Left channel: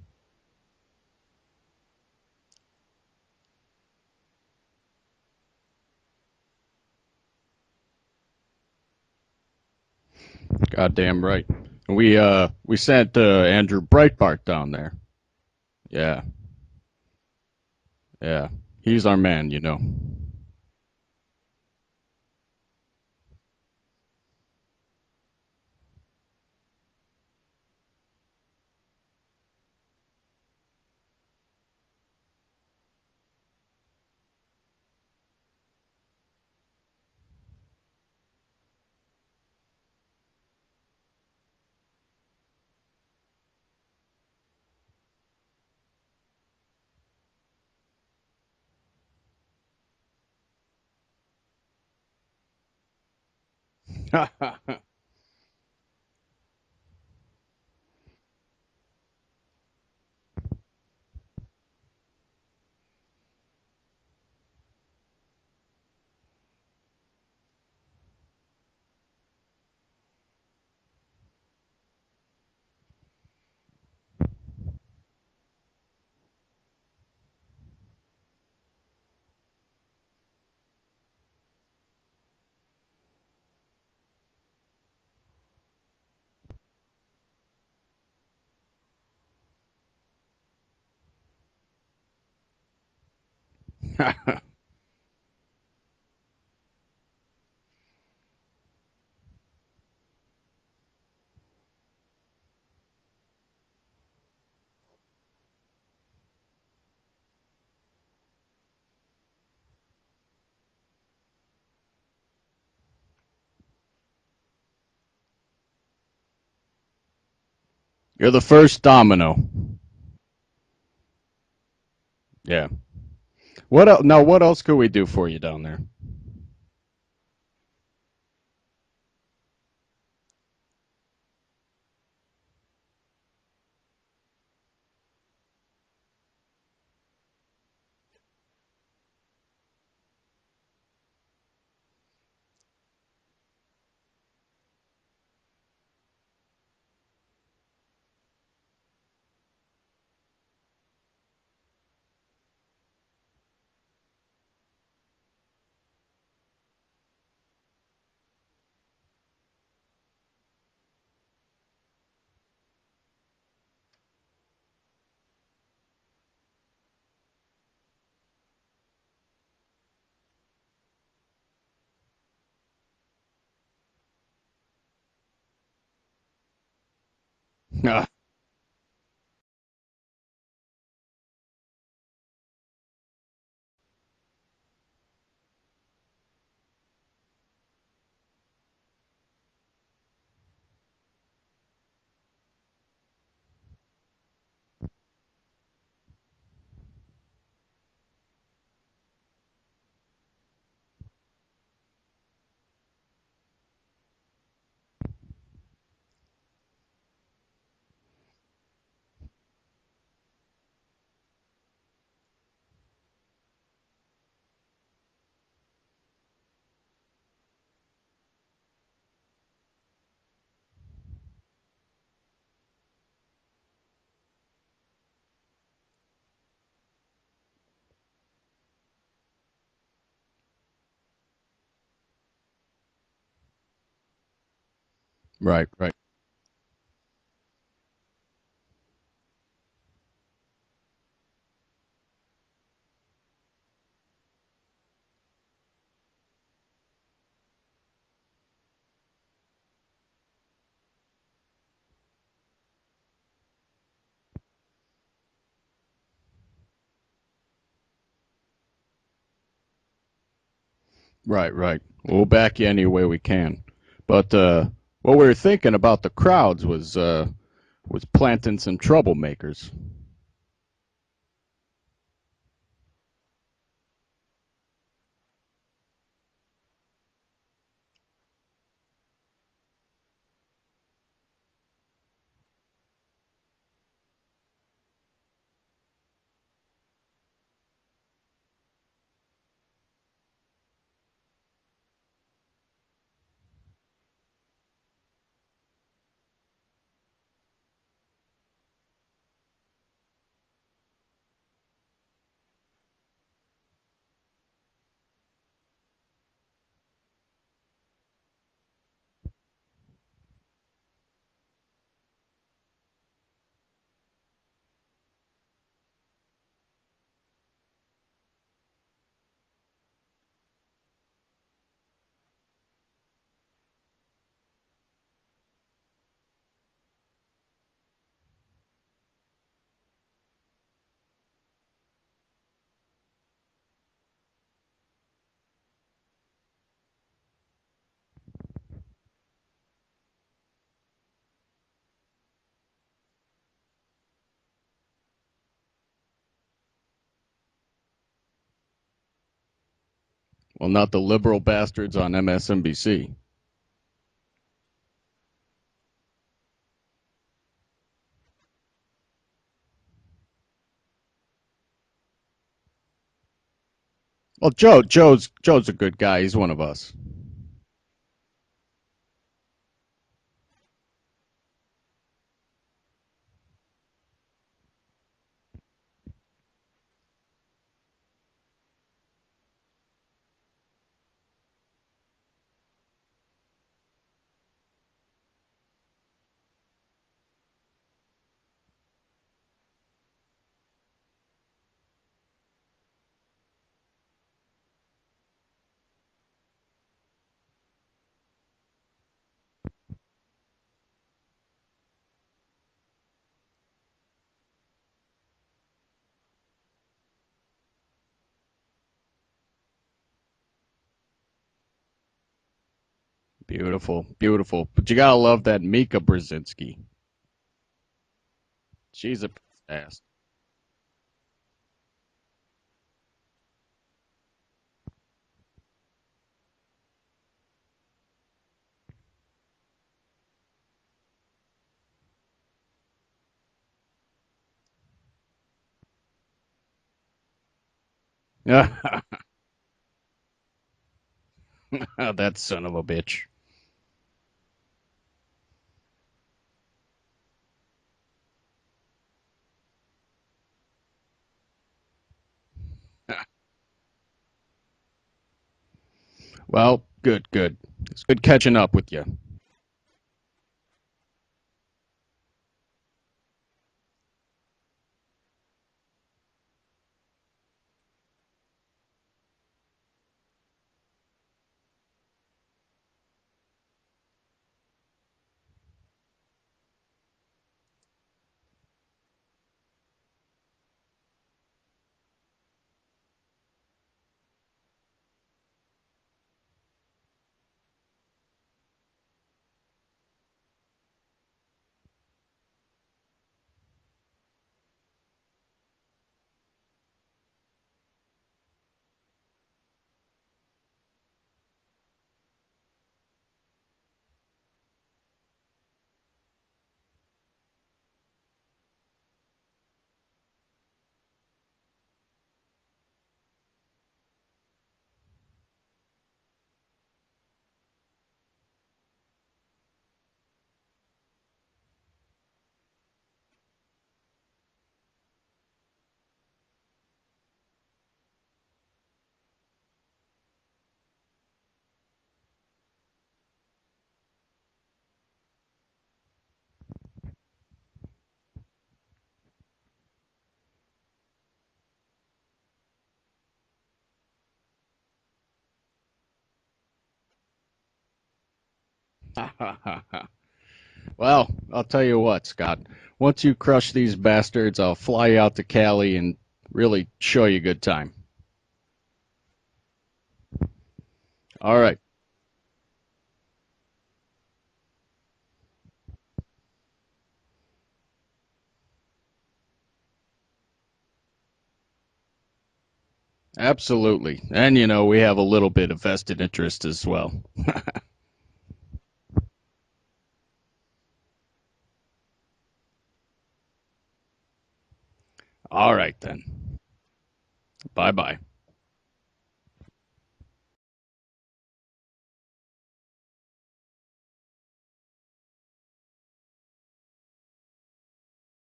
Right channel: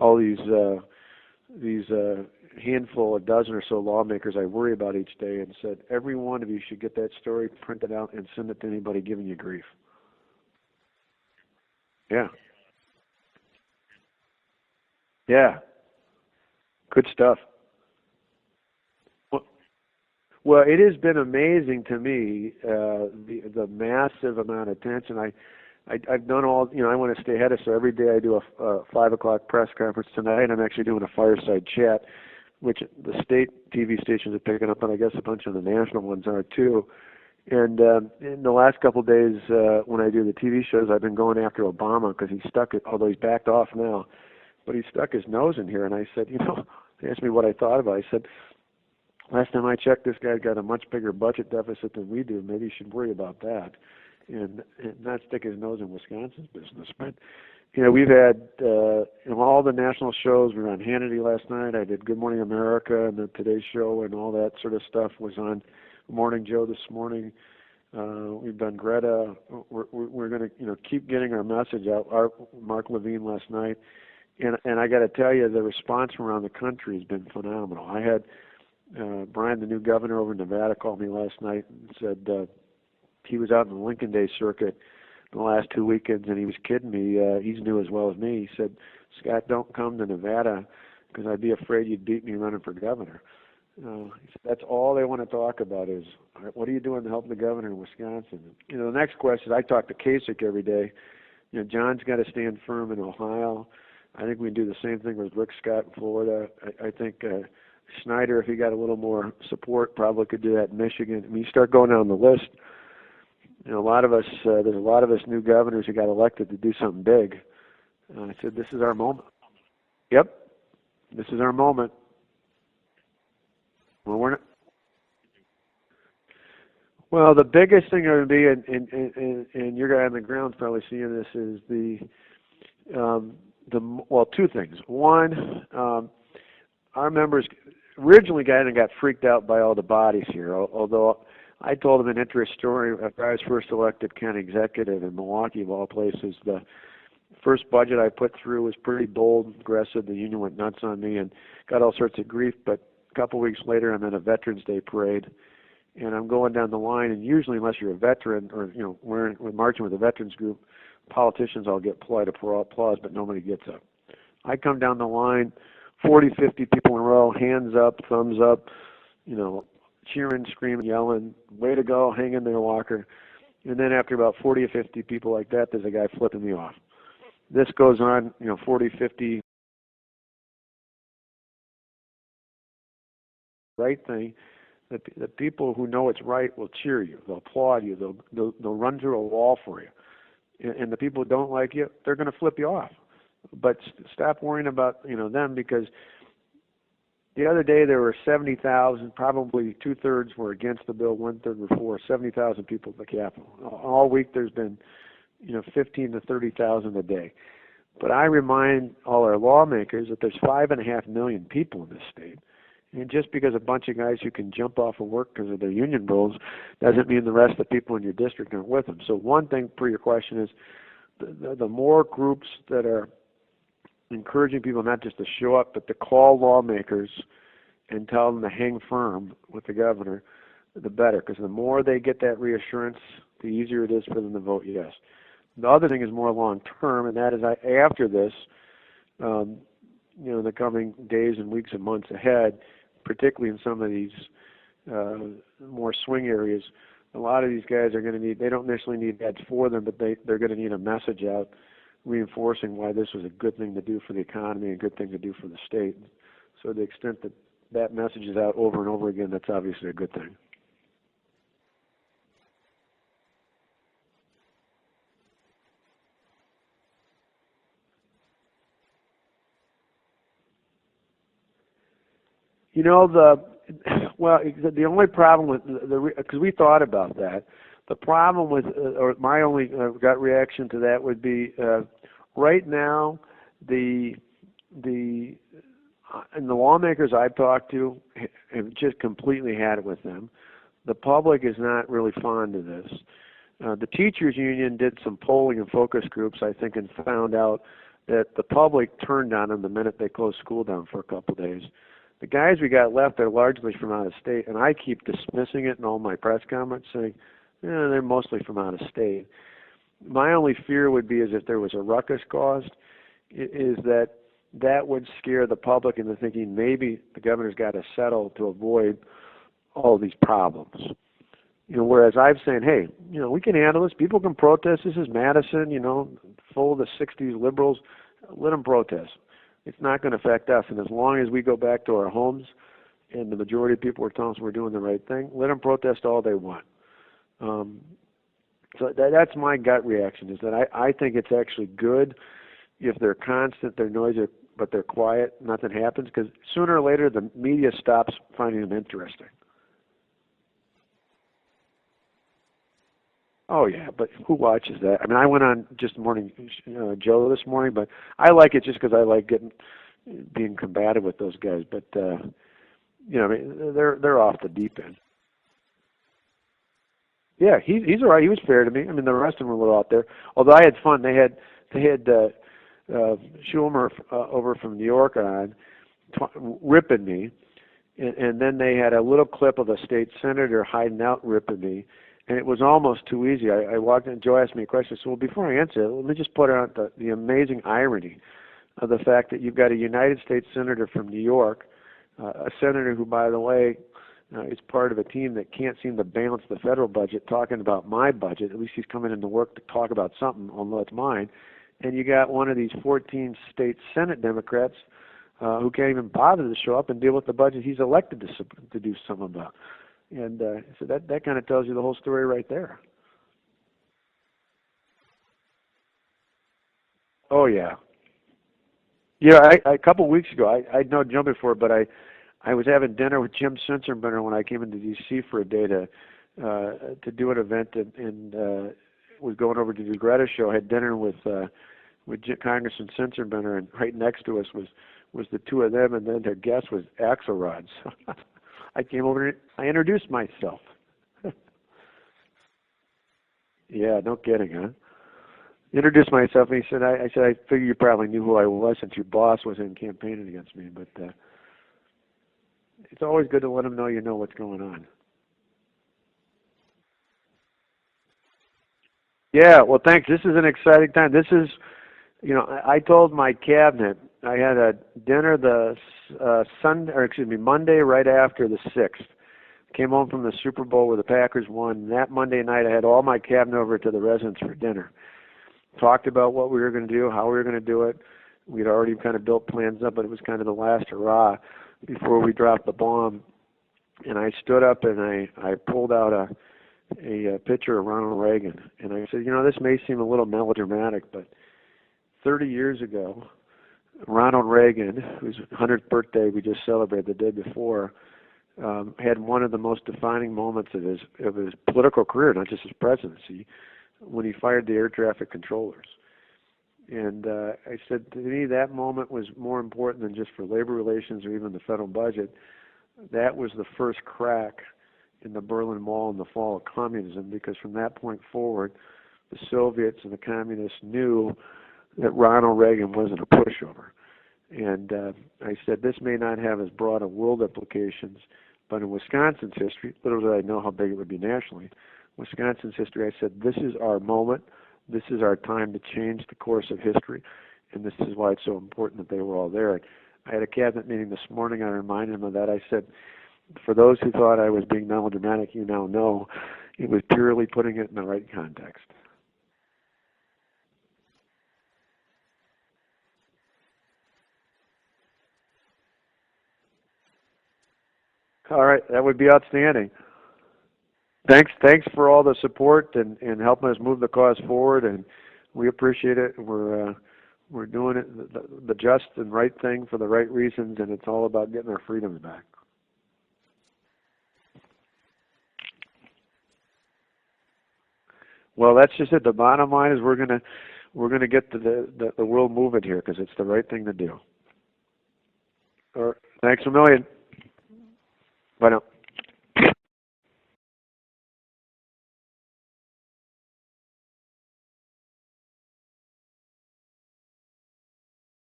all these handful, a dozen or so lawmakers I worry about each day, and said every one of you should get that story printed out and send it to anybody giving you grief. Goddamn right. And Yeah, we sent Andrew Breitbart down there. yeah, Yeah, good stuff. yeah. He's our Well, man, you know. well, it has been amazing to me the massive amount of attention. I've done all, I want to stay ahead of, so every day I do a 5 o'clock press conference. Tonight I'm actually doing a fireside chat, which the state TV stations are picking up, and I guess a bunch of the national ones are too. And in the last couple of days, when I do the TV shows, I've been going after Obama because he's stuck it, although he's backed off now, but he stuck his nose in here. And I said, they asked me what I thought about it. I said, last time I checked, this guy's got a much bigger budget deficit than we do. Maybe he should worry about that and not stick his nose in Wisconsin's business. But we've had all the national shows. We were on Hannity last night. I did Good Morning America and the Today Show and all that sort of stuff was on Morning Joe this morning. We've done Greta. We're going to keep getting our message out. Mark Levine last night, and I got to tell you, the response from around the country has been phenomenal. I had Brian, the new governor over in Nevada, called me last night and said he was out in the Lincoln Day circuit the last 2 weekends, and he was kidding me. He's new as well as me. He said, "Scott, don't come to Nevada because I'd be afraid you'd beat me running for governor." That's all they want to talk about is, what are you doing to help the governor in Wisconsin? The next question, I talk to Kasich every day. John's got to stand firm in Ohio. I think we can do the same thing with Rick Scott in Florida. I think Schneider, if he got a little more support, probably could do that in Michigan. I mean, you start going down the list. A lot of us, there's a lot of us new governors who got elected to do something big. You're the So this is first our moment. domino. Yep, this is our moment. Yeah. What else? Well, Now, what else could we do for you down there? well, the biggest thing going to be, and your guy on the ground's probably seeing this, is two things. One, our members originally got freaked out by all the bodies here, although I told them an interesting story. After I was first elected county executive in Milwaukee, of all places, the first budget I put through was pretty bold, aggressive. The union went nuts on me and got all sorts of grief. But a couple weeks later, I'm in a Veterans Day parade, and I'm going down the line. And usually, unless you're a veteran or we're marching with a veterans group, politicians all get polite applause, but nobody gets up. I come down the line, 40, 50 people in a row, hands up, thumbs up, cheering, screaming, yelling, way to go, hang in there, Walker. And then after about 40 or 50 people like that, there's a guy flipping me off. This goes on, 40, 50, right thing. The people who know it's right will cheer you. They'll applaud you. They'll run through a wall for you. And the people who don't like you, they're going to flip you off. But stop worrying about them, because the other day there were 70,000, probably 2/3 were against the bill, 1/3 were for. 70,000 people at the Capitol. All week there's been 15 to 30,000 a day. But I remind all our lawmakers that there's 5.5 million people in this state. And just because a bunch of guys who can jump off of work because of their union bills doesn't mean the rest of the people in your district aren't with them. So one thing for your question is the more groups that are encouraging people not just to show up, but to call lawmakers and tell them to hang firm with the governor, the better. Because the more they get that reassurance, the easier it is for them to vote yes. Right. The other Right. thing is more long term, and that is after this, the coming days and weeks and months ahead, particularly in some of these more swing areas, a lot of these guys are going to need, they don't necessarily need ads for them, but they're going to need a message out reinforcing why this was a good thing to do for the economy, a good thing to do for the state. So to the extent that that message is out over and over again, that's obviously a good thing. Right. Right. We'll back you any way we can. But what we were thinking about the crowds was planting some troublemakers. The only problem with because we thought about that, the problem with or my only gut reaction to that would be right now and the lawmakers I've talked to have just completely had it with them. The public is not really fond of this. The teachers union did some polling and focus groups, I think, and found out that the public turned on them the minute they closed school down for a couple of days. The guys we got left are largely from out of state, and I keep dismissing it in all my press comments, saying, they're mostly from out of state. My only fear would be is if there was a ruckus caused, is that would scare the public into thinking maybe the governor's got to settle to avoid all these problems. Whereas I'm saying, hey, we can handle this. People can protest. This is Madison, full of the 60s liberals. Let them protest. It's not going to affect us. And as long as we go back to our homes and the majority of people are telling us we're doing the right thing, let them protest all they want. So that's my gut reaction, is that I think it's actually good if they're constant, they're noisy, but they're quiet, nothing happens, because sooner or later the media stops finding them interesting. Well, not the liberal bastards on MSNBC. Oh, yeah, but who watches that? I mean, I went on just morning Joe this morning, but I like it just because I like being combative with those guys. But I mean, they're off. Well, Joe's a good guy. He's one of us. Yeah, he's all right. He was fair to me. I mean, the rest of them were a little out there. Although I had fun. They had Schumer over from New York on ripping me, and then they had a little clip of a state senator hiding out ripping me. And it was almost too easy. I walked in, and Joe asked me a question. I said, well, before I answer it, let me just put out the amazing irony of the fact that you've got a United States senator from New York, a senator who, by the way, is part of a team that can't seem to balance the federal budget, talking about my budget. At least he's coming into work to talk about something, although it's mine. And you got one of these 14 state Senate Democrats who can't even bother to show up and deal with the budget he's elected to do something about. And so that kind of tells you the whole story right there. Beautiful, beautiful. But you gotta love that Mika Brzezinski. Oh yeah. She's a couple of weeks ago, I'd known Joe before, but I was having dinner with Jim Sensenbrenner when I came into D.C. for a day to do an event, and was going over to do Greta's show. I had dinner with Congressman Sensenbrenner, and right next to us was the two of them, and then their guest was Axelrod. So I came over, I introduced myself. That son of a bitch. Yeah, no kidding, huh? Introduced myself, and he said, I figure you probably knew who I was since your boss was in campaigning against me, but it's always good to let them know you know what's going on. Well, good. It's good catching up with you. Yeah, well, thanks. This is an exciting time. This is, I told my cabinet, I had a dinner Monday right after the 6th. Came home from the Super Bowl where the Packers won. That Monday night, I had all my cabinet over to the residence for dinner. Talked about what we were going to do, how we were going to do it. We'd already kind of built plans up, but it was kind of the last hurrah before we dropped the bomb. And I stood up and I pulled out a picture of Ronald Reagan. And I said, this may seem a little melodramatic, but 30 years ago, Ronald Reagan, whose 100th birthday we just celebrated the day before, had one of the most defining moments of his political career, not just his presidency, when he fired the air traffic controllers. And I said, to me, that moment was more important than just for labor relations or even the federal budget. That was the first crack in the Berlin Wall and the fall of communism, because from that point forward, the Soviets and the communists knew that Ronald Reagan wasn't a pushover. And I said, this may not have as broad a world implications, but in Wisconsin's history, little did I know how big it would be nationally, Wisconsin's history, I said, this is our moment. This is our time to change the course of history. And this is why it's so important that they were all there. I had a cabinet meeting this morning. I reminded them of that. I said, for those who thought I was being melodramatic, you now know it was purely putting it in the right context. Well, I'll tell you what, Scott. Once you crush these bastards, I'll fly you out to Cali and really show you a good time. All right, that would be outstanding. Thanks for all the support and helping us move the cause forward, and we appreciate it. We're doing it the just and right thing for the right reasons, and it's all about getting our freedoms back. Absolutely. And, we have a little bit of vested interest as well. Well, that's just it. The bottom line is we're gonna get the world moving here because it's the right thing to do. All right, then. Thanks a million. Bye-bye. Bye now.